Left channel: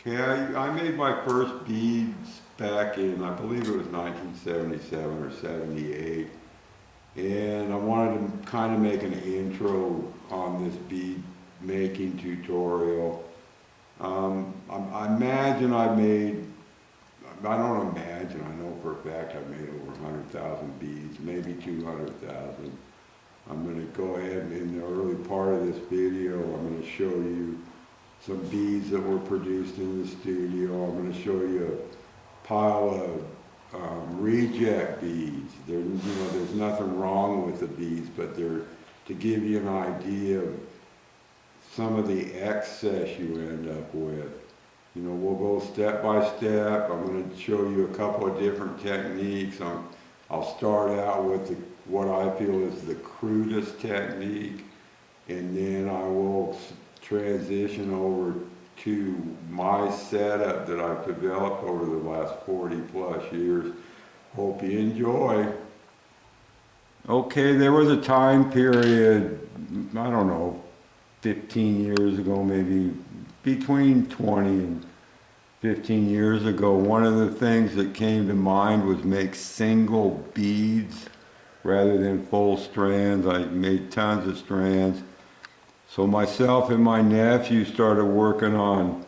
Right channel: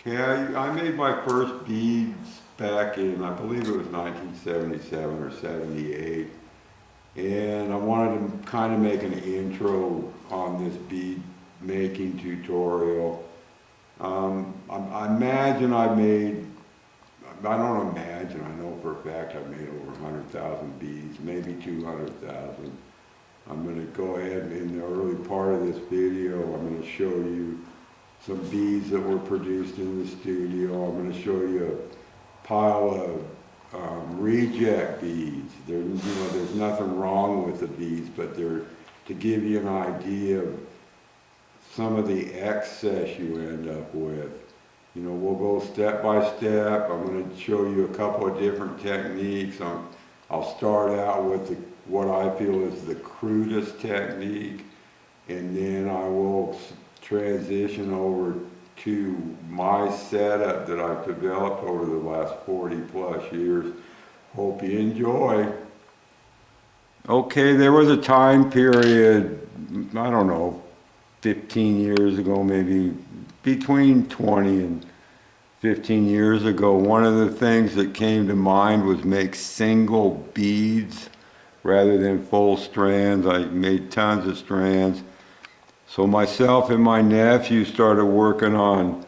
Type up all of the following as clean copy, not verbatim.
Okay, I made my first beads back in, I believe it was 1977 or 78. And I wanted to kind of make an intro on this bead making tutorial. I imagine I don't imagine, I know for a fact I've made over 100,000 beads, maybe 200,000. I'm going to go ahead and in the early part of this video, I'm going to show you some beads that were produced in the studio. I'm going to show you a pile of reject beads. There's nothing wrong with the beads, but they're to give you an idea of some of the excess you end up with. We'll go step by step. I'm going to show you a couple of different techniques. I'll start out with what I feel is the crudest technique, and then I will transition over to my setup that I've developed over the last 40 plus years. Hope you enjoy. Okay, there was a time period, I don't know, 15 years ago, maybe between 20 and 15 years ago, one of the things that came to mind was make single beads rather than full strands. I made tons of strands. So myself and my nephew started working on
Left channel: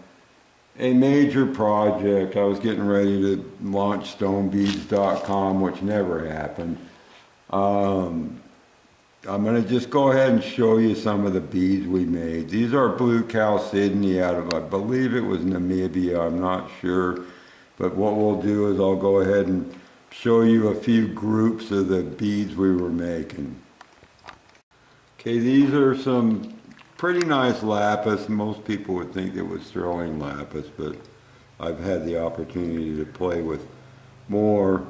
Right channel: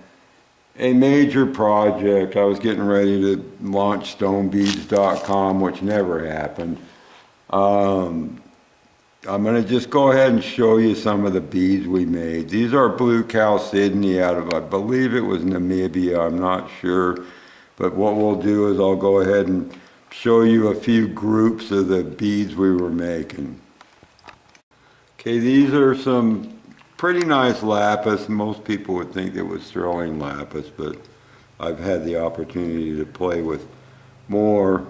a major project. I was getting ready to launch stonebeads.com, which never happened. I'm going to just go ahead and show you some of the beads we made. These are blue chalcedony out of, I believe it was Namibia, I'm not sure. But what we'll do is I'll go ahead and show you a few groups of the beads we were making. Okay, these are some pretty nice lapis. Most people would think it was sterling lapis, but I've had the opportunity to play with more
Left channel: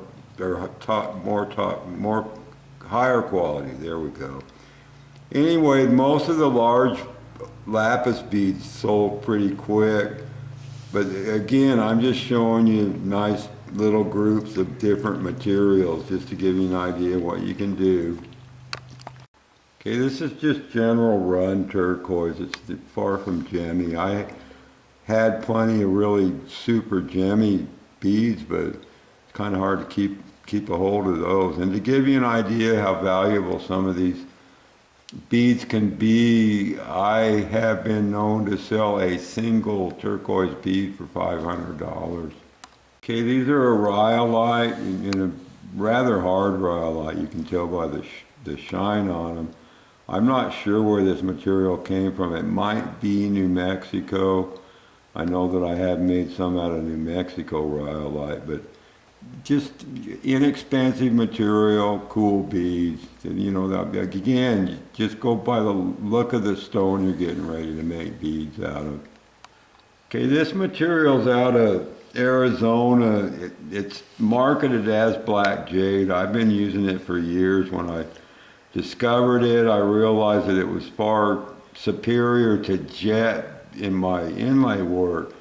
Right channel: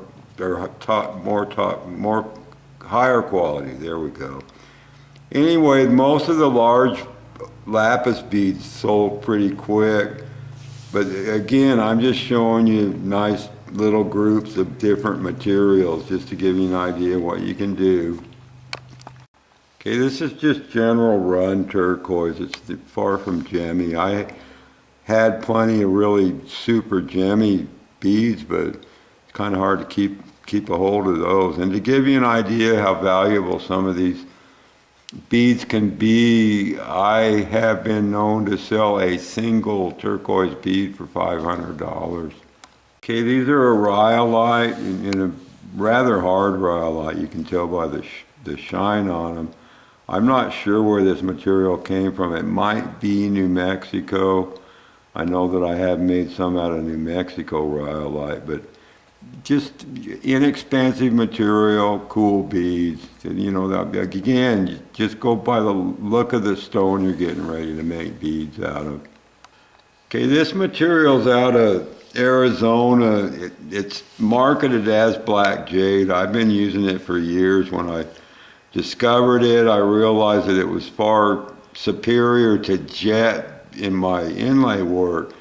higher quality. There we go. Anyway, most of the large lapis beads sold pretty quick, but again, I'm just showing you nice little groups of different materials just to give you an idea of what you can do. Okay, this is just general run turquoise. It's far from gemmy. I had plenty of really super gemmy beads, but it's kind of hard to keep a hold of those. And to give you an idea how valuable some of these beads can be, I have been known to sell a single turquoise bead for $500. Okay, these are a rhyolite, and a rather hard rhyolite. You can tell by the shine on them. I'm not sure where this material came from. It might be New Mexico. I know that I have made some out of New Mexico rhyolite, but just inexpensive material, cool beads. Again, just go by the look of the stone you're getting ready to make beads out of. Okay, this material's out of Arizona. It's marketed as black jade. I've been using it for years. When I discovered it, I realized that it was far superior to jet in my inlay work.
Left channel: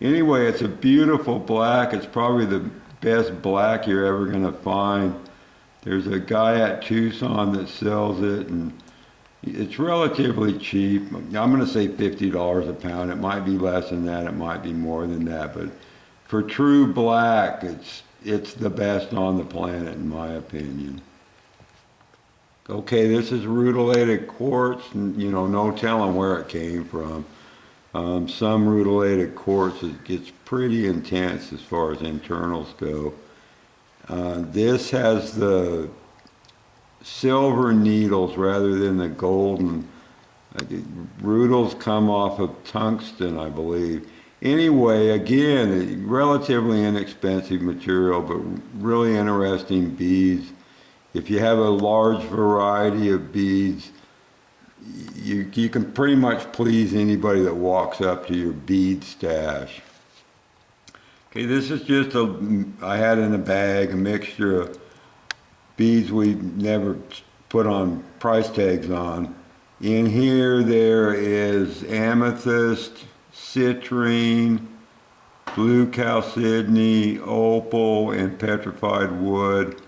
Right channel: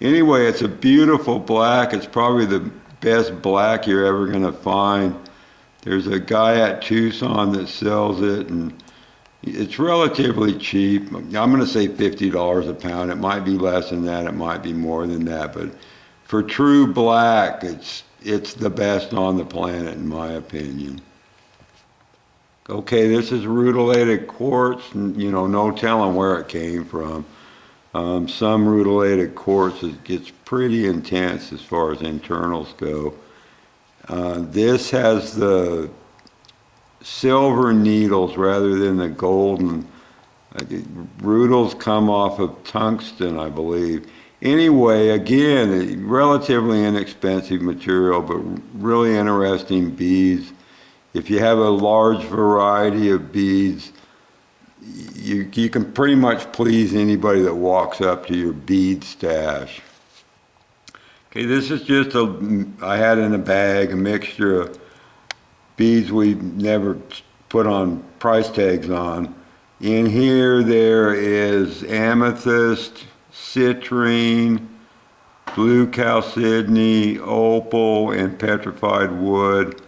Anyway, it's a beautiful black. It's probably the best black you're ever going to find. There's a guy at Tucson that sells it, and it's relatively cheap. I'm going to say $50 a pound. It might be less than that. It might be more than that. But for true black, it's the best on the planet, in my opinion. Okay, this is Rutilated Quartz, and no telling where it came from. Some Rutilated Quartz gets pretty intense as far as internals go. This has the silver needles rather than the golden. Rutils come off of tungsten, I believe. Anyway, again, relatively inexpensive material, but really interesting beads. If you have a large variety of beads, you can pretty much please anybody that walks up to your bead stash. Okay, this is just I had in a bag a mixture of beads we never put on price tags on. In here there is amethyst, citrine, blue chalcedony, opal, and petrified wood.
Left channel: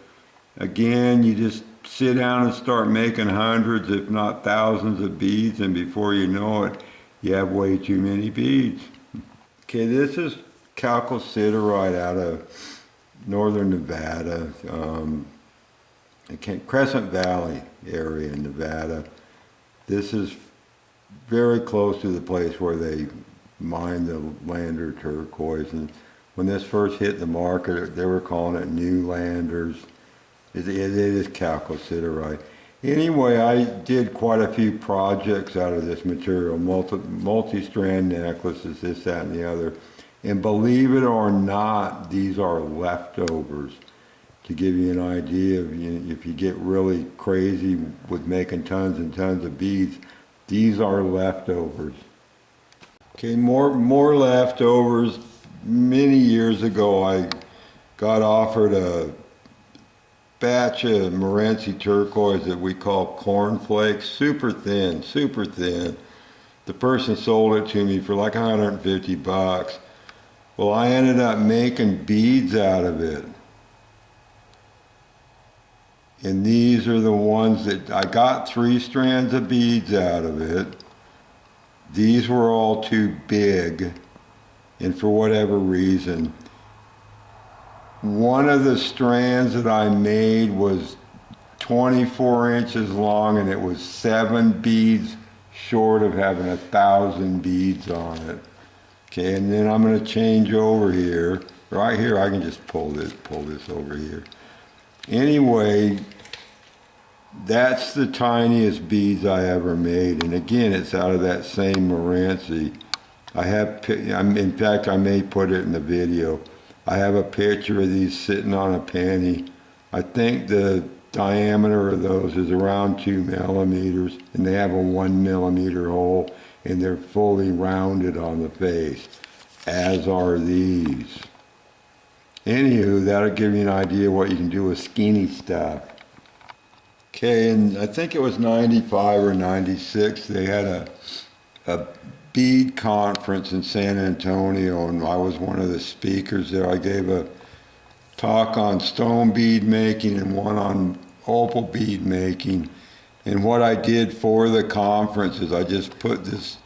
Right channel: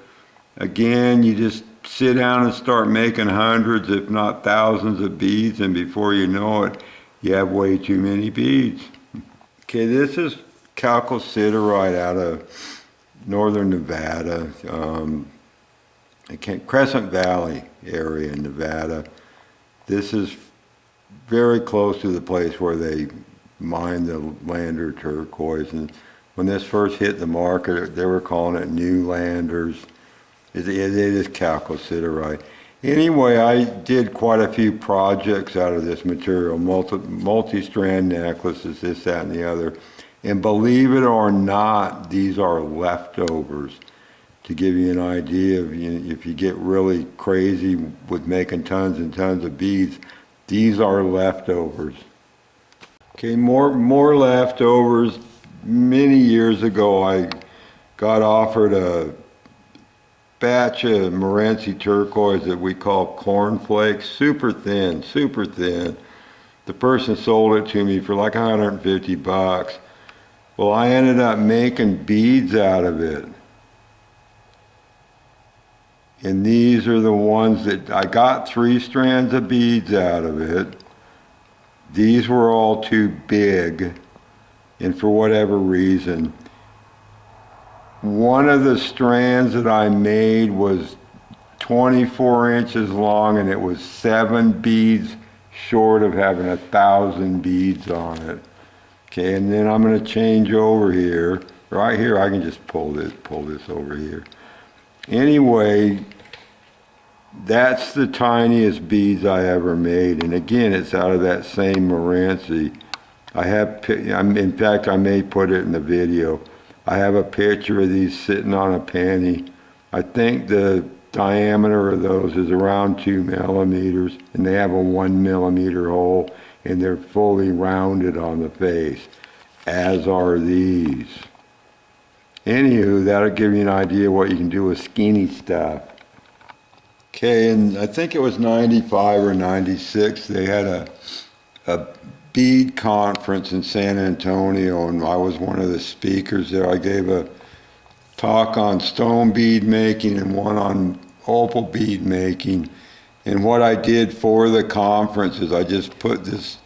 Again, you just sit down and start making hundreds, if not thousands of beads, and before you know it, you have way too many beads. Okay, this is chalcosiderite out of northern Nevada, Crescent Valley area in Nevada. This is very close to the place where they mine the lander turquoise. And when this first hit the market, they were calling it new landers. It is chalcosiderite. Anyway, I did quite a few projects out of this material, multi-strand necklaces, this, that, and the other. And believe it or not, these are leftovers. To give you an idea of, if you get really crazy with making tons and tons of beads, these are leftovers. Okay, more leftovers. Many years ago, I got offered a batch of Morenci turquoise that we call cornflakes, super thin, super thin. The person sold it to me for like 150 bucks. Well, I ended up making beads out of it. And these are the ones that I got 3 strands of beads out of it. These were all too big, and for whatever reason, one of the strands that I made was 24 inches long, and it was 7 beads short of having 1,000 beads on it. Okay, and then I'm going to change over here. Right here, I can just pull this over here. Anyway, that's the tiniest beads I ever made, and again, it's out of that same Morenci. In fact, I may put it in the video. I have a picture of these sitting on a penny. I think the diameter of those is around 2 millimeters, and they have a 1 millimeter hole, and they're fully rounded on the face, as are these. Anywho, that'll give you an idea what you can do with skinny stuff. Okay, and I think it was 95 or 96, they had a bead conference in San Antonio, and I was one of the speakers there. I gave a talk on stone bead making and one on opal bead making. And what I did for the conference is I just put this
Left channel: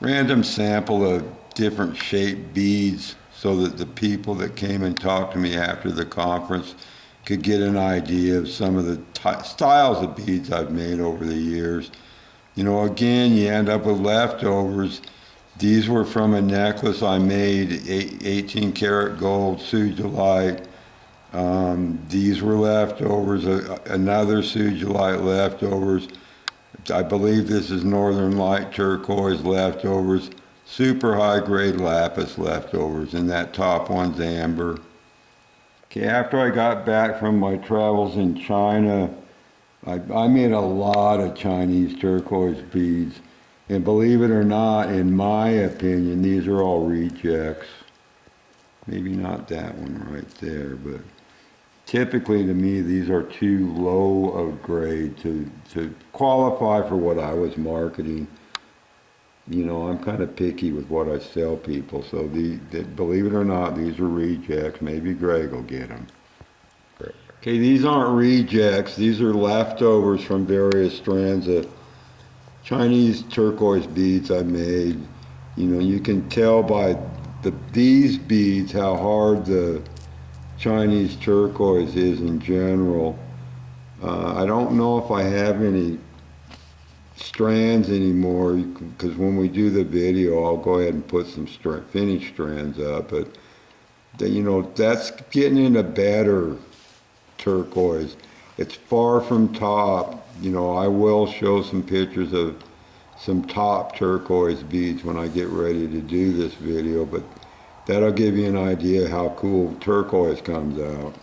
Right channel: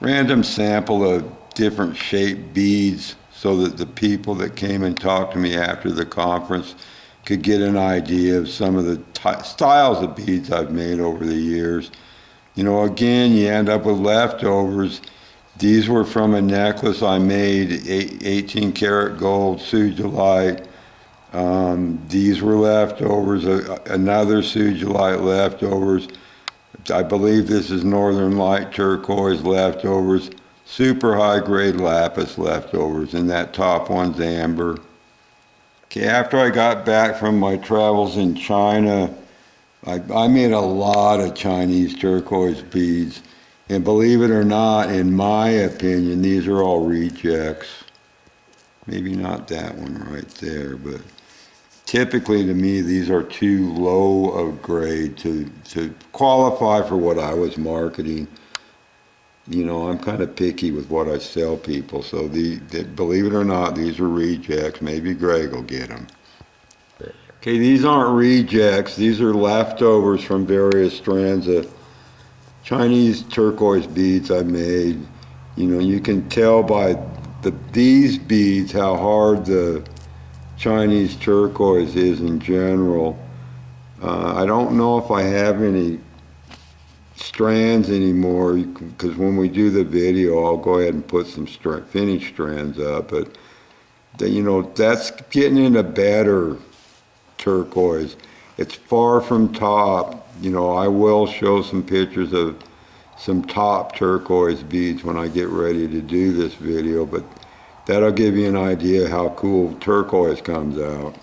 random sample of different shaped beads so that the people that came and talked to me after the conference could get an idea of some of the styles of beads I've made over the years. Again, you end up with leftovers. These were from a necklace I made, 18 karat gold sugilite. These were leftovers, another sugilite leftovers. I believe this is Northern Light turquoise leftovers, super high grade lapis leftovers, and that top one's amber. Okay, after I got back from my travels in China, I made a lot of Chinese turquoise beads. And believe it or not, in my opinion, these are all rejects. Maybe not that one right there, but typically to me, these are too low of grade to qualify for what I was marketing. I'm kind of picky with what I sell people, so believe it or not, these are rejects. Maybe Greg will get them. Okay, these aren't rejects. These are leftovers from various strands of Chinese turquoise beads I made. You can tell by these beads how hard the Chinese turquoise is in general. I don't know if I have any strands anymore, because when we do the video, I'll go ahead and put some finished strands up. But that's getting into better turquoise. It's far from top. I will show some pictures of some top turquoise beads when I get ready to do this video, but that'll give you an idea how cool turquoise comes out.